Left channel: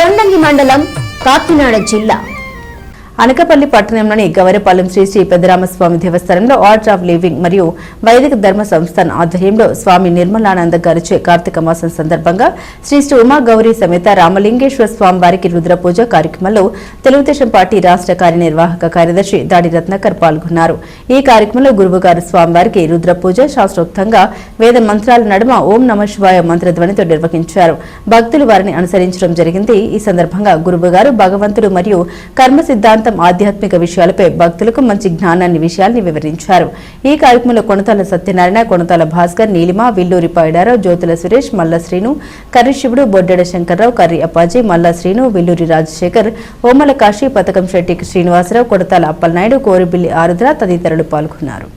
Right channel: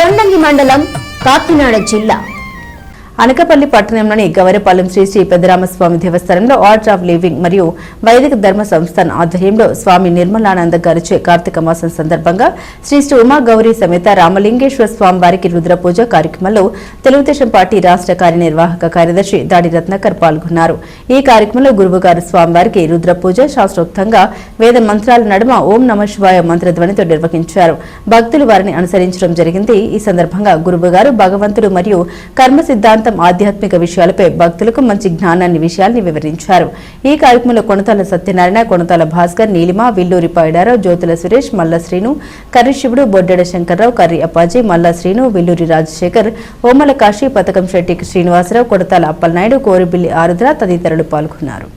తొండంగి మండలం కాకినాడ జిల్లా. అనకపల్లి పట్టణంలోని గవరపాలెం శ్రీ శ్రీ పెద్దరామస్వామి దేవస్థానంలో ఆర్ట్ ఆఫ్ లివింగ్ మరియు వైదిక ధర్మ సంస్థాన్ ఆధ్వర్యంలో స్వామి నిర్మలానంద గారిచే కార్తీక మాసం సందర్భంగా శ్రీ శ్రీ ఉమా గౌరీ సమేత రామలింగేశ్వర స్వామి వారికి రుద్రపూజ కార్యక్రమంలో తెలుగుదేశం పార్టీ రాష్ట్ర కార్యనిర్వాహక కార్యదర్శి దాడి రత్నాకర్ పాల్గొన్నారు. ఈ కార్యక్రమంలో గురువుగారు స్వామివారికి రుద్రపూజ శాస్త్రోక్తంగా వేద మంత్రాల నడుమ ఓం నమ శివాయ మంత్రధ్వనితో నిర్వహించారు. భక్తులు వారిని అనుసరించడం జరిగింది. ఈ సందర్భంగా గురువుగారు భగవంతుడు మరియు కర్మ సిద్ధాంతం ఆధ్యాత్మిక విషయాలపై భక్తులకు మంచి జ్ఞానాన్ని విషయాల్ని వివరించారు. ఈ కార్యక్రమంలో కొనతాల సత్యనారాయణ కొనతాల భాస్కర్ నీలిమ విల్లూరి పైడారావు జ్యోతుల సురేష్ మల్ల శ్రీను కర్రిశివుడు బొడ్డెడ శంకర్రావు కర్రి అప్పాజీ మల్ల శ్రీను విల్లూరి రాజశేఖర్ ఓమల కాశీ పథకం శెట్టి శ్రీనివాసరావు కొడతాల అప్పలనాయుడు కోరిబిల్లి ఆరుద్ర తదితరులు పాల్గొన్నారు.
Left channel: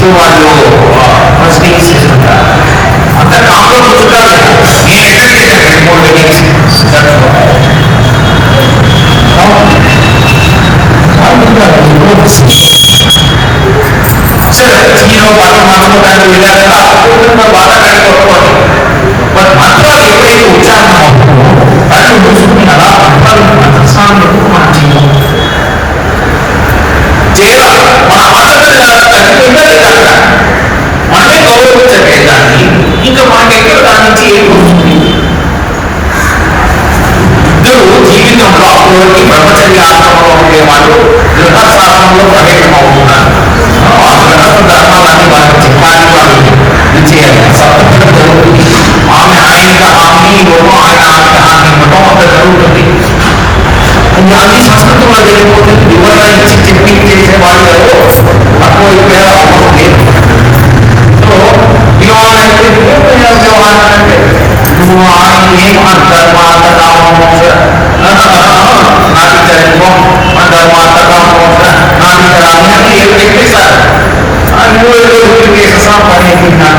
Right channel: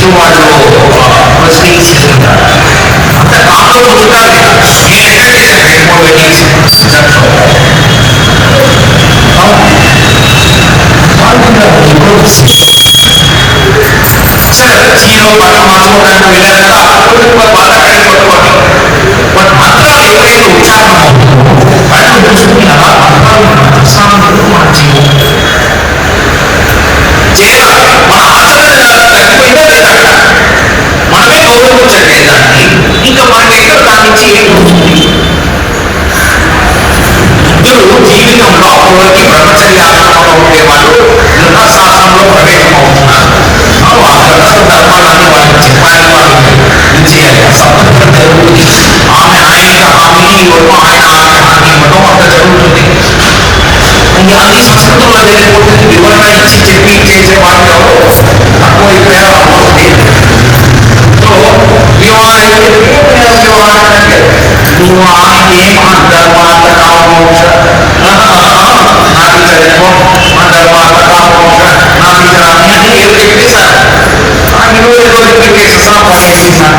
క్లాస్లో వాళ్ళు ప్రొసీడింగ్స్ అంత కాంలో కూర్చుంటారు నేను అటెండ్ రెండు మూడు మీటింగ్స్ చీరలో మార్చుకోవడానికి అప్పుడు బట్ మంత్రాలు ఎవరైతే ఉచ్చారణ ఇంకా మనకి ఎక్కడ దాని ध्रुवाणेव धर्मार्थकामोच न तदहम नापितरत्वम अधर्मार्थकामोच नापितरामि एव एकटे साथ आणि लोक लोक की बेसिस ऑफ पॉलिसीज ना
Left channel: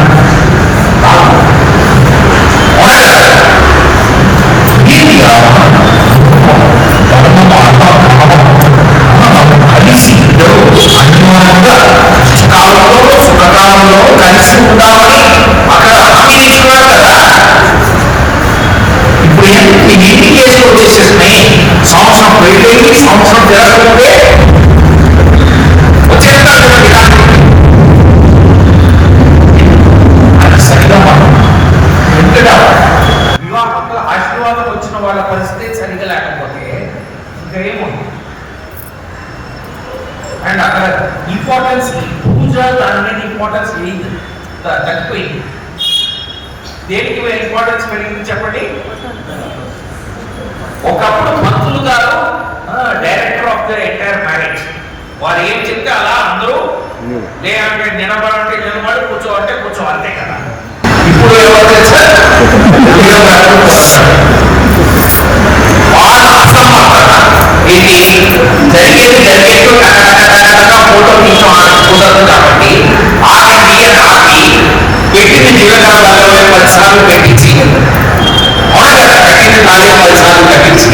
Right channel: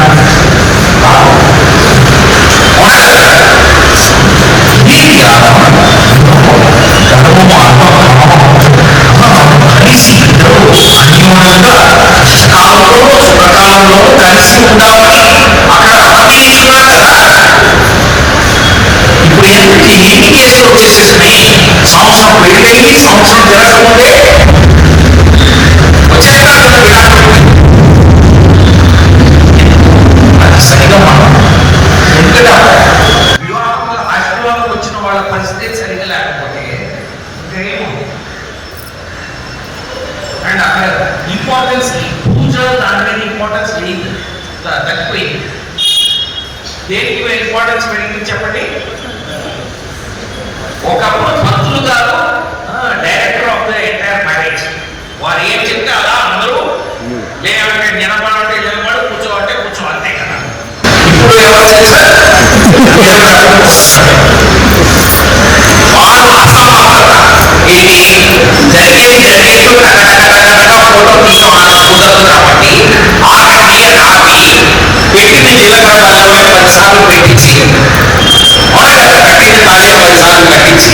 అండ్ అక్కడ ఇంపార్టెన్స్ పూజ దాని మీద ఇంపార్టెన్స్ లేదు త- తగ్గిపోయింది దేనికి ఇంపార్టెన్స్ పెరిగింది చెప్పండి? ఒకప్పుడు భక్తులు గారు director of the entire marriage వారు ఏం చెప్తే అలా అందరూ లేదంటే నిలబడంటే నిలబడి కూర్చోవాలంటే కూర్చో అంతే కదా. ఇప్పుడు ఎవరు చేశారు? ఇది జరిగేది జరిగేది రకరకాల ఫోటో కుదరదు కాబట్టి ఆఖరి బియ్యం ఆపి పెట్టింది జీలకర్ర బెల్లం పది సార్లు పెట్టించి అవునా కదా కట్టింది నాలుగు పది సార్లు కట్టించి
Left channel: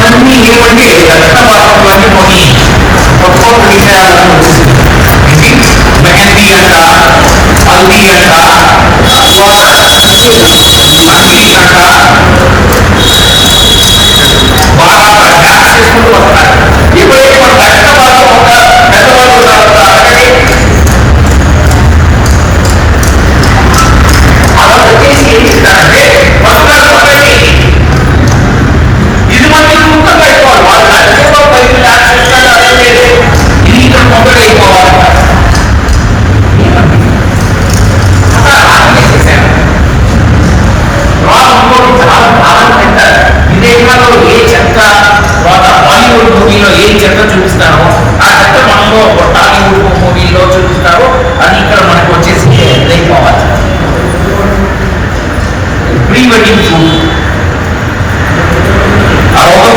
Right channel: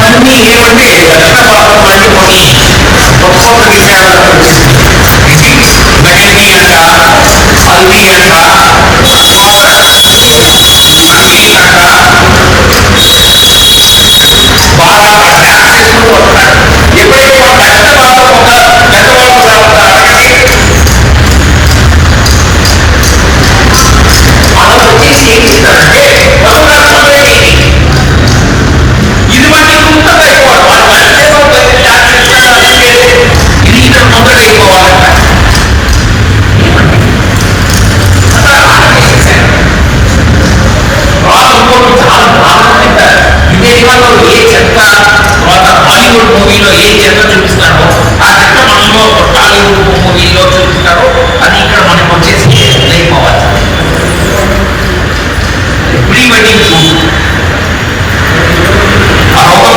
sembunyi di kerbe Kenapa orang lagi mau ni Kenapa orang kita Jadi Banyak di kata Pali kata Wah Nangis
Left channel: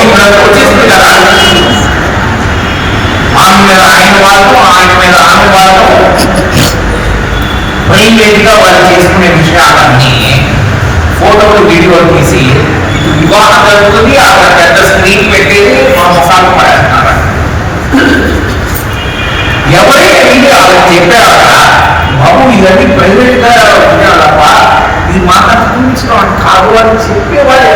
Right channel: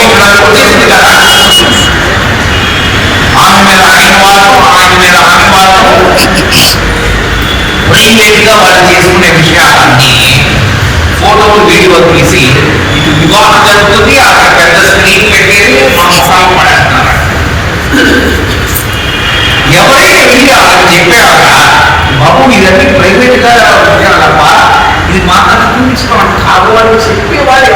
ఇక్కడ వచ్చేసింది కదా ఆమె మీద ఆయన వాడటం ఆయన మీద ఆమె వాడటం ప్రైవేట్గా వాళ్ళు చేసుకునే విషయాలన్నీ ఫోటోలు వీడియోలు తీసి ఇటు వివాహం జరుగుతుంది అక్కడ పెద్ద స్క్రీన్ పెట్టేది చెప్పాక బాబు ఇవన్నీ ప్రైవేట్గా ఉండాలప్ప ఇది మా కన్నా చూపించడం అంటే కాదు అని చెప్పేవాళ్ళు